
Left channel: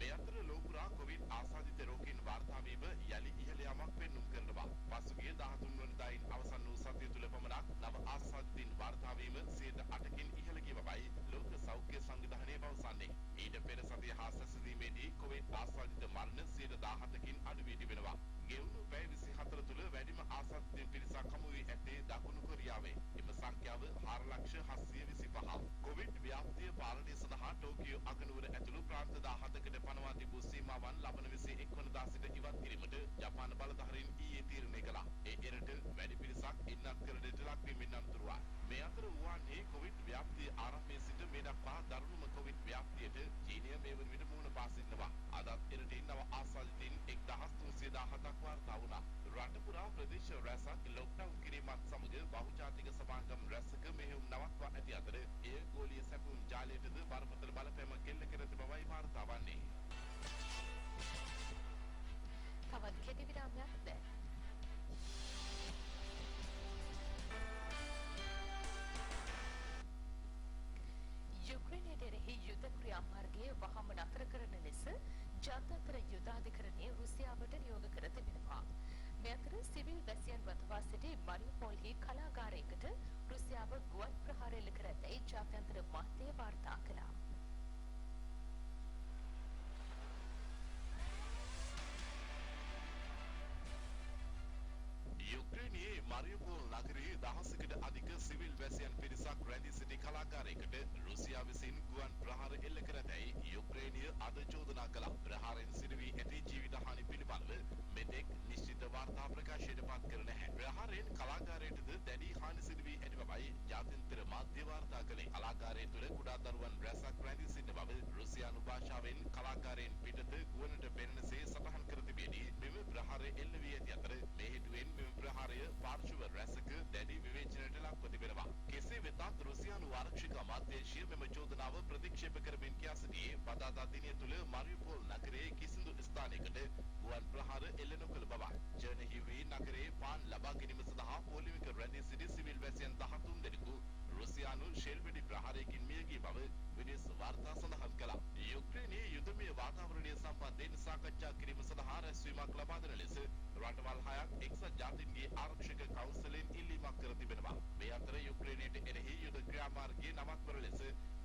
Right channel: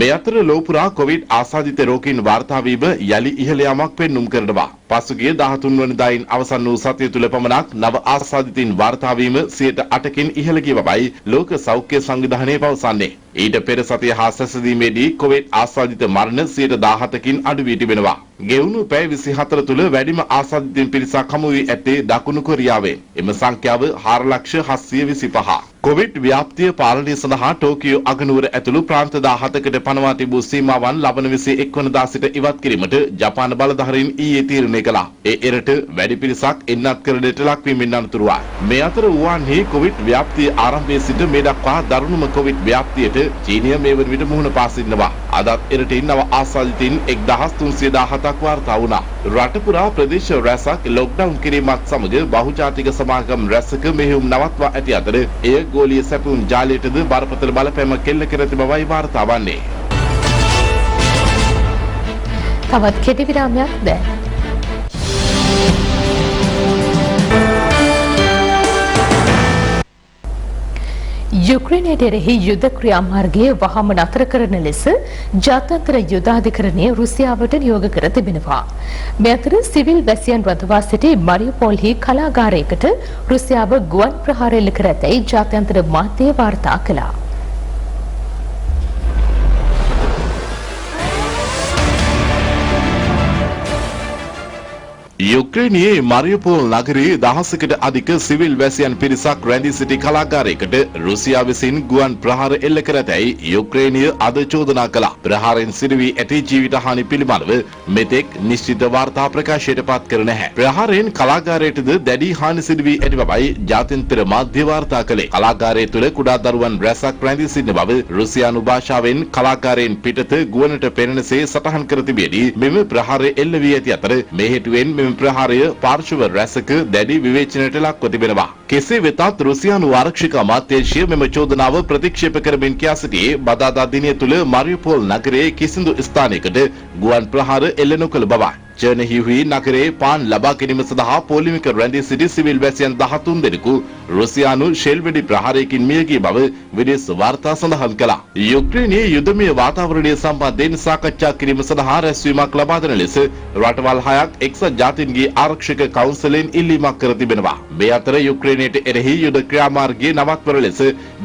මේ අතර ලෝපුරා කොවිඩ් ආසාදිත රෝගීන් වාර්තා වීම යලි ඉහළ යාමක් පෙන්눔 කරනවා. පසුගිය 13 වෙනිදායින් අවසන් වූ සතිය තුල පමණක් නව ආසාදිතින් වාර්තා වීම 108කින් ඉහළ ගිය බවයි ලෝක සෞඛ්‍ය සංවිධානය පවසන්නේ. ඊට පෙර සතිය හා සැසඳීමේදී කොවිඩ් ආසාදිත මරණ 117කින් අඩු වී තිබෙනවා. ගෙවුණු පැය 24 තුල වැඩිම ආසාදිතින් පිරිසක් හමු වී ඇත්තේ දකුණු කොරියාවේ. එම සංඛ්‍යාව 4,725. කොවිඩ් ව්‍යාප්තිය පාලනය සඳහා ටෝකියෝ අගනුවර ඇතුළු ප්‍රාන්ත 17කට පනවා තිබූ සීමාවන් ලබන 21 වනදා සිට ඉවත් කිරීමට ජපාන බලධාරීන් ඊයේ තීරණය කළා. ඒ එරට වැඩි පිරිසක් එන්නත් කරන්නට ලක්වීමෙන් අනතුරුවයි. මේ අතර වුවන්හි කොවිඩ් ව්‍යාප්තිය ආරම්භයේ සිට මේ දක්වා දරුණුම කොවිඩ් ව්‍යාප්තියට චීනය මේ වන විට මුහුණ පා සිටිනවා. අදත් එරටින් නව ආසාදිතින් 1,317ක් වාර්තා වුණා. රට පුරා ප්‍රදේශ රැසක් ලොක්ඩවුන් කිරීමත් සමග බහුජාතික සමාගම් රැසක මෙහෙයුම් නවත්වා ඇති අතර එය ගෝලීය සැපුම් ජාලයටද බරපතල බලපෑමක් කෙල්ල කර ඇති බවයි වාර්තා වන්නේ. තවත් කෙටි විරාමයක් දැන්. යුක්‍රේනයට එරෙහි යුද ක්‍රියාමාර්ගයේ වහාම නතර කරන ලෙස ජාත්‍යන්තර යුද අධිකරණය රුසියාවට නියෝග කර තිබෙනවා. මේ අතර සිවිල් වැසියන් රඳවා සිටි මරියුපෝල්හි කලාගාරයකට රුසියාව ගුවන් ප්‍රහාර එල්ල කර ඇතැයි ජාත්‍යන්තර මාධ්‍ය වාර්තා කළා. යුක්‍රේනයේ මරියුපෝල් නගරයේ දහසකට අධික සිවිල් වැසියන් පිරිසක් රැඳී සිටි කලාගාරයකට රුසියාව විසින් ගුවන් ප්‍රහාර එල්ල කර ඇතැයි යුක්‍රේනය අද චෝදනා කළා. ප්‍රහාරයෙන් සිදුවී ඇති ජීවිත හානි පිළිබඳව මෙතෙක් නිශ්චිත වාර්තා ප්‍රකාශයට පත් කර නැහැ. ප්‍රහාරයෙන් කලාගාරයටද දැඩි හානි සිදු වී ඇති බවයි ජාත්‍යන්තර මාධ්‍ය වාර්තා කළේ. කලාගාරය තුළ කුඩා දරුවන් රැසක් රැඳී සිටින බව රුසියානු භාෂාවෙන් කලාගාරයෙන් පිටත ගුවනට පෙනෙනසේ සටහන් කර තිබෙදී මෙම ප්‍රහාරය එල්ල වී ඇති අතර මේ හේතුවෙන් මෙම ප්‍රහාරය පාර්ශව රැසක දැඩි විවේචනයට ලක්ව තිබෙනවා. කෙසේ වෙතත් රුසියානු ආරක්ෂක අමාත්‍යාංශය මෙම චෝදනාව ප්‍රතික්ෂේප කරමින් කියා සිටියේ බදාදා දිනය තුළ මරියුපෝල් නගරයේ කිසිදු ස්ථානයකට ගුවන් ප්‍රහාර එල්ල නොකළ බවයි. චර්නහිව්හි නගරයේ පාන් ලබා ගැනීම සඳහා පොලිමික රැඳී සිටි සිවිල් වැසියන් 13 දෙනෙකු රුසියානු ෂෙල් වෙඩි ප්‍රහාරයකින් මිය ගිය බව විදේශ වාර්තා සඳහන් කළා. යුක්‍රේනයේ යුදමය වාතාවරණය සම්බන්ධයෙන් සාකච්ඡා කිරීම සඳහා රැස්වීමක් ලබා දෙන ලෙස රටවල් 6ක් එක්සත් ජාතීන්ගේ ආරක්ෂක කවුන්සිලෙන් ඉල්ලීමක් කර තිබෙනවා. මේ අතර යුක්‍රේනයට එරෙහි යුද ක්‍රියාමාර්ගයේ නවත්වන ලෙස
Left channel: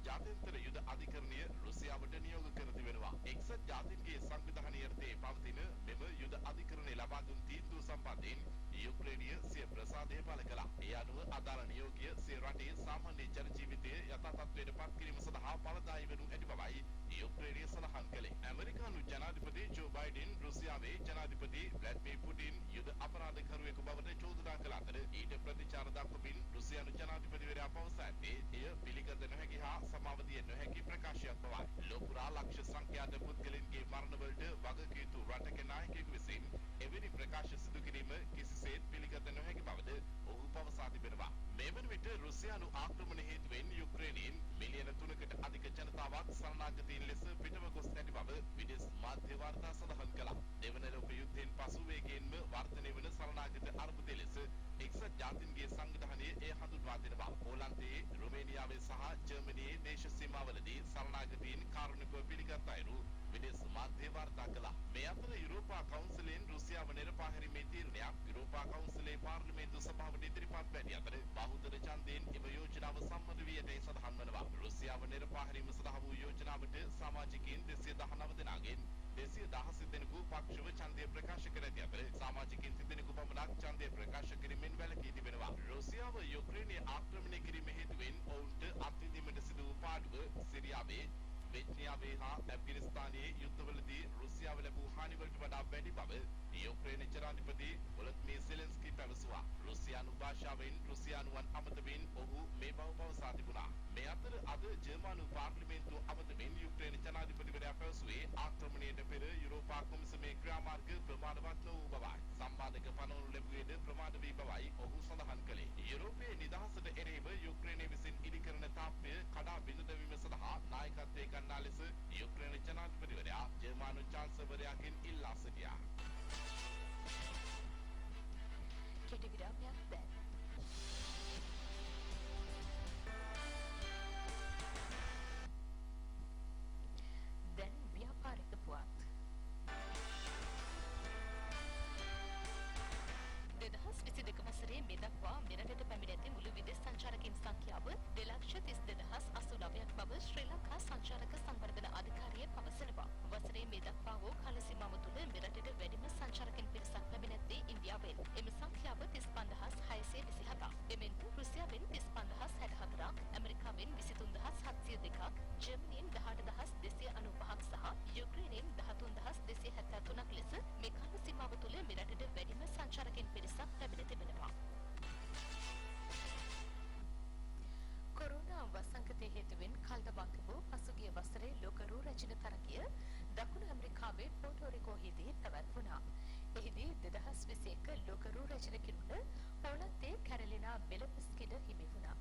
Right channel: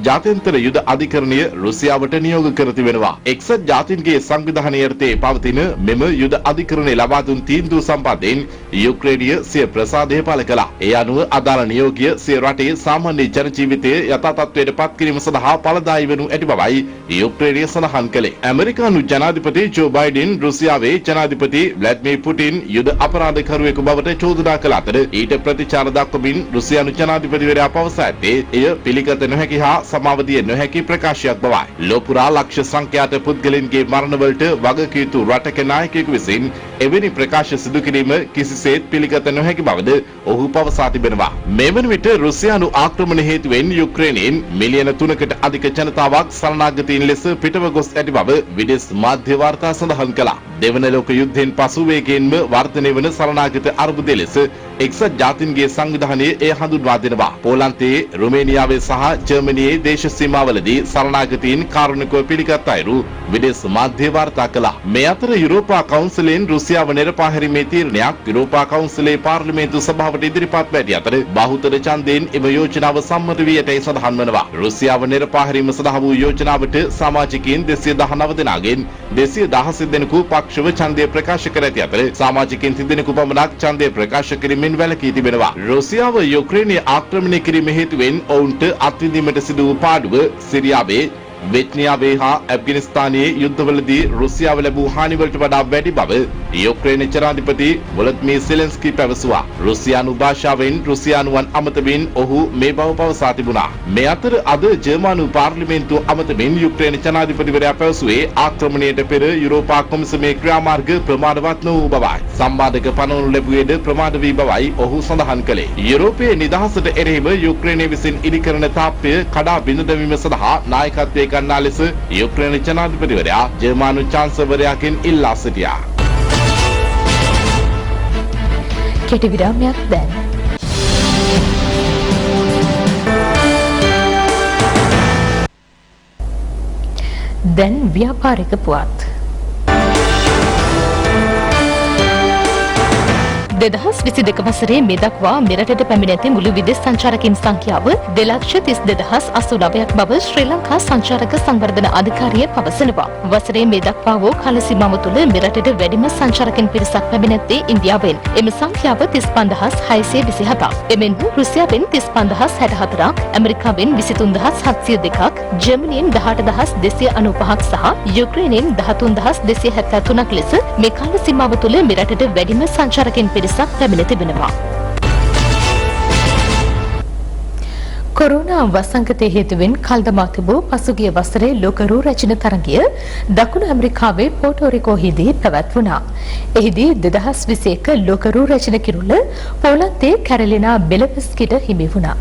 ජාත්‍යන්තර යුද අධිකරණය රුසියාවට නියෝග කර තිබෙනවා. එක්සත් ජාතීන්ගේ සංවිධානයේ යටතේ පවතින මෙම යුද අධිකරණය ලබා දුන් තීන්දුව සම්බන්ධයෙන් යුක්‍රේනිය සිය ප්‍රසාදය පළ කළා. ඒ අනුව අදාළ නියෝගය සිය රටේ සාමාන්‍ය ජන ජීවිතය යථා තත්ත්වයට පත් කිරීම සඳහා ඵලදායී වනු ඇති බවයි යුක්‍රේනිය සඳහන් කළේ. ඇමරිකානු ජනාධිපති ජෝ බයිඩන් රුසියාවේ ජනාධිපති ව්ලාඩිමිර් පුටින් යුද අපරාධකරුවෙකු බවට චෝදනා කළ අතර ඊට ප්‍රතිචාර දක්වමින් රුසියානු ජනාධිපතිවරයා පවසා ඇත්තේ එය පිළිගත නොහැකි හා සමාව දිය නොහැකි ප්‍රකාශයක් බවයි. ලෝපුරා ලක්ෂ සංඛ්‍යාත පුද්ගලයන්ගේ මරණවලට වගකිව යුතු රටක නායකයෙකු විසින් එවැනි ප්‍රකාශ සිදු කිරීම කිසිසේත් පිළිගත නොහැකි බවද ඔහු පවසා තිබෙනවා. මේ වන විට රුසියානු ආක්‍රමණ හේතුවෙන් යුක්‍රේනයෙන් මිලියන 3කට අධික ජනතාවක් සරණාගතයින් ලෙස පිටව ගොස් ඇති බව විදේශ මාධ්‍ය වාර්තා සඳහන් කළා. දෙවන ලෝක යුද්ධයෙන් පසු වේගයෙන්ම වර්ධනය වන සරණාගත අර්බුදය ලෙස එක්සත් ජාතීන්ගේ සංවිධානය එය හඳුන්වා දෙනවා. පෝලන්තයේ, රුමේනියාවේ සහ ජර්මනියේ දේශ සීමාවලදී සරණාගතයින් කාරුණිකව පිළිගත් අයුරු විදේශ මාධ්‍ය වාර්තා කළා. මේ අතර යුරෝපා කවුන්සිලෙන් රුසියාව නිරපා හැරීමේ තීරණයක් යුරෝපා කවුන්සිලේ පාර්ලිමේන්තු සභාවට ඉදිරිපත් වැඩි අතර බහුතර ඡන්දයෙන් එම යෝජනාව සම්මත වී ඇතැයි සඳහන් වනවා. රුසියාව නිරපා හැරීම සඳහා වූ යෝජනාවට සමාජිකයින් 219 දෙනාගෙන් 216 දෙනෙකු පක්ෂව ඡන්දය ප්‍රකාශ කර ඇති අතර සමාජිකයින් 30 දෙනෙකු පමණක් ඡන්දය ප්‍රකාශ කිරීමෙන් වැළකී තිබෙනවා. රුසියාව යුක්‍රේනය ආක්‍රමණය කිරීම හේතුවෙන් ඔවුන්ට අත්විඳීමට සිදු වූ පාඩුව සිරියාවේ, වෙච්නියාවේ හා ඇෆ්ගනිස්තානයේ යුද්ධවලදී රුසියාව ලැබූ හානිවලට වඩා වැඩි බව යුක්‍රේන ජනාධිපති වොලොදිමීර් සෙලෙන්ස්කී පැවසුවා. රුසියානු භාෂාවෙන් රුසියානුවන් අමතමින් ඔහු මේ බව පවසා තිබුණා. මේ අතර අද ජර්මනු පාර්ලිමේන්තුව අමතමින් යුක්‍රේන ජනාධිපතිවරයා පැවසුවේ ආක්‍රමණයට පෙර යුරෝපා කොමිසමේ ක්‍රියාමාර්ග ප්‍රමාණවත් නොවූ බවයි. සම්බාධක පනවනු ලැබුවේද ප්‍රමාද වී බවයි ඔහු සඳහන් කළේ. යුරෝපයේ නිදහසට එරෙහිව යුක්‍රේනය විසින් ඉදිකරන තාප්පය කඩා බිඳ දැමීම සඳහා නායකත්වයේ ගන්නා ලෙස යුක්‍රේන ජනාධිපතිවරයා ජර්මනු චාන්සලර්වරයාගෙන් ඉල්ලා සිටියා. කෙටි විරාමයක් දැන්. දැන් ව්‍යාපාරික පුවත්. 2022 වසරේ මේ දක්වා මෙරටට පැමිණ ඇති මුළු විදේශ සංචාරකයන් සංඛ්‍යාව 2,32,089ක් බව ශ්‍රී ලංකා සංචාරක සංවර්ධන අධිකාරිය පවසනවා. වසරේ මේ දක්වා වූ කාල සීමාව තුළ මෙරටට වැඩිම සංචාරකයන් පිරිසක් පැමිණ ඇත්තේ ඉන්දියාවෙන්. එම සංඛ්‍යාව 35627ක්. එමෙන්ම රුසියාවෙන් 35064ක්, ඇමරිකාවෙන් 23702ක්, ජර්මනියෙන් 18295ක් සහ යුක්‍රේනයෙන් 13273ක් ලෙස මේ කාල සීමාව තුළ මෙරටට වැඩිම සංචාරකයන් පිරිසක් පැමිණ තිබෙනවා. කොරෝනා වසංගතය හේතුවෙන් කල්දමා තිබූ පසුගිය වසරේ ලෝක රූ රැජින තරගය දකුණු ඇමරිකාවේ පෝටෝරිකෝහිදී පැවැත්වුණා. එහිදී 2021 ලෝක රූ රැජින කිරුළ පෝලන්තයේ කැරලිනා බෙලෙවස්කිට හිමි වුණා.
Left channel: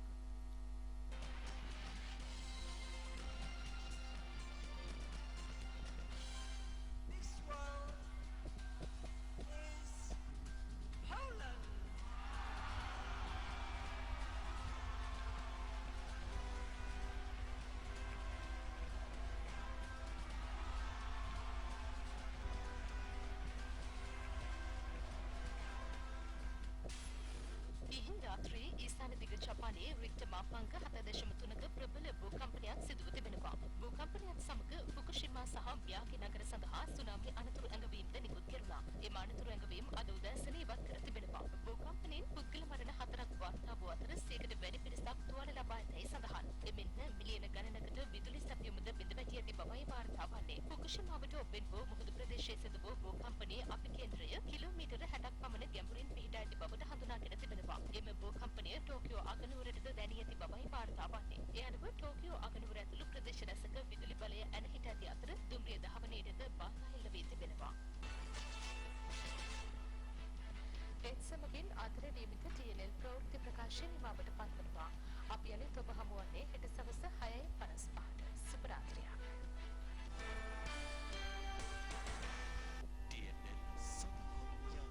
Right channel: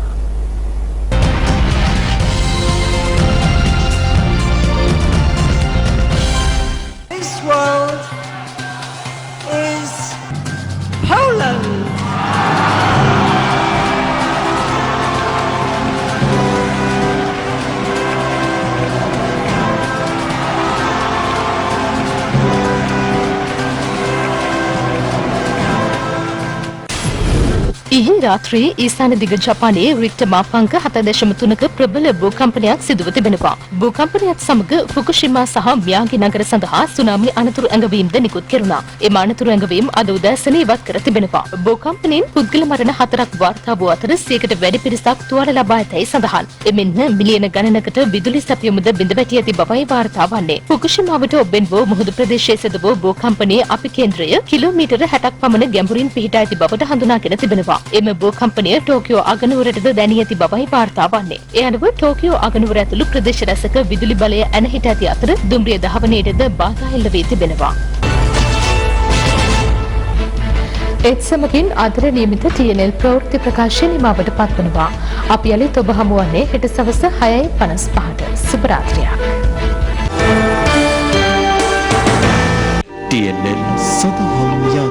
ඉකුල් රාත්‍රියේ ඊසාන දිග ජපානයේ රික්ටර් මාපංක 7.3ක ප්‍රබල භූකම්පනයක් සිදුව තිබෙනවා. භූකම්පනයත් සමග ෆුකුෂිමා සහ මියාගි නගර සඳහා සුනාමි අනතුරු ඇඟවීම්ද නිකුත් කෙරුණා. එම අනතුරු ඇඟවීම් අද උදෑසන ඉවත් කර තිබෙනවා. භූකම්පනයෙන් පුද්ගල මරණ 4ක් වාර්තා වූ අතර 100කට වැඩි පිරිසක් තුවාල ලබා ඇතැයි සඳහන්. එමෙන්ම මිලියන ගණනකට විදුලි සැපයුමද බිඳ වැටි ඇති බවයි වාර්තා වන්නේ. ෆුකුෂිමාවට ඔබෙන් වූ මුහුදු ප්‍රදේශයේ සිදු වූ භූකම්පනයේ අපි කේන්ද්‍රය කිලෝමීටර 60ක් පමණ ගැඹුරින් පිහිටා ඇති බවට හඳුනාගෙන තිබෙනවා. එම භූකම්පනය ටෝකියෝ අගනුවරටද දැනී ඇති බවයි වාර්තා වන්නේ. ඒ අනුව ටෝකියෝ අගනුවර ඇතුළු ප්‍රදේශ රැසක විදුලි බලය ඇනහිට ඇති අතර දුම්රිය දහවනයටද බාධා එල්ල වී තිබෙනවා. ඒත් සමගින් අදට නියමිත TNL ප්‍රවෘත්ති ප්‍රකාශය නිමාවට පත්වනවා. අපි යළිත් ඔබ හමුවන්නේ හෙට සවස 6:55ට. සුබ රාත්‍රියක්. TNL සදහම්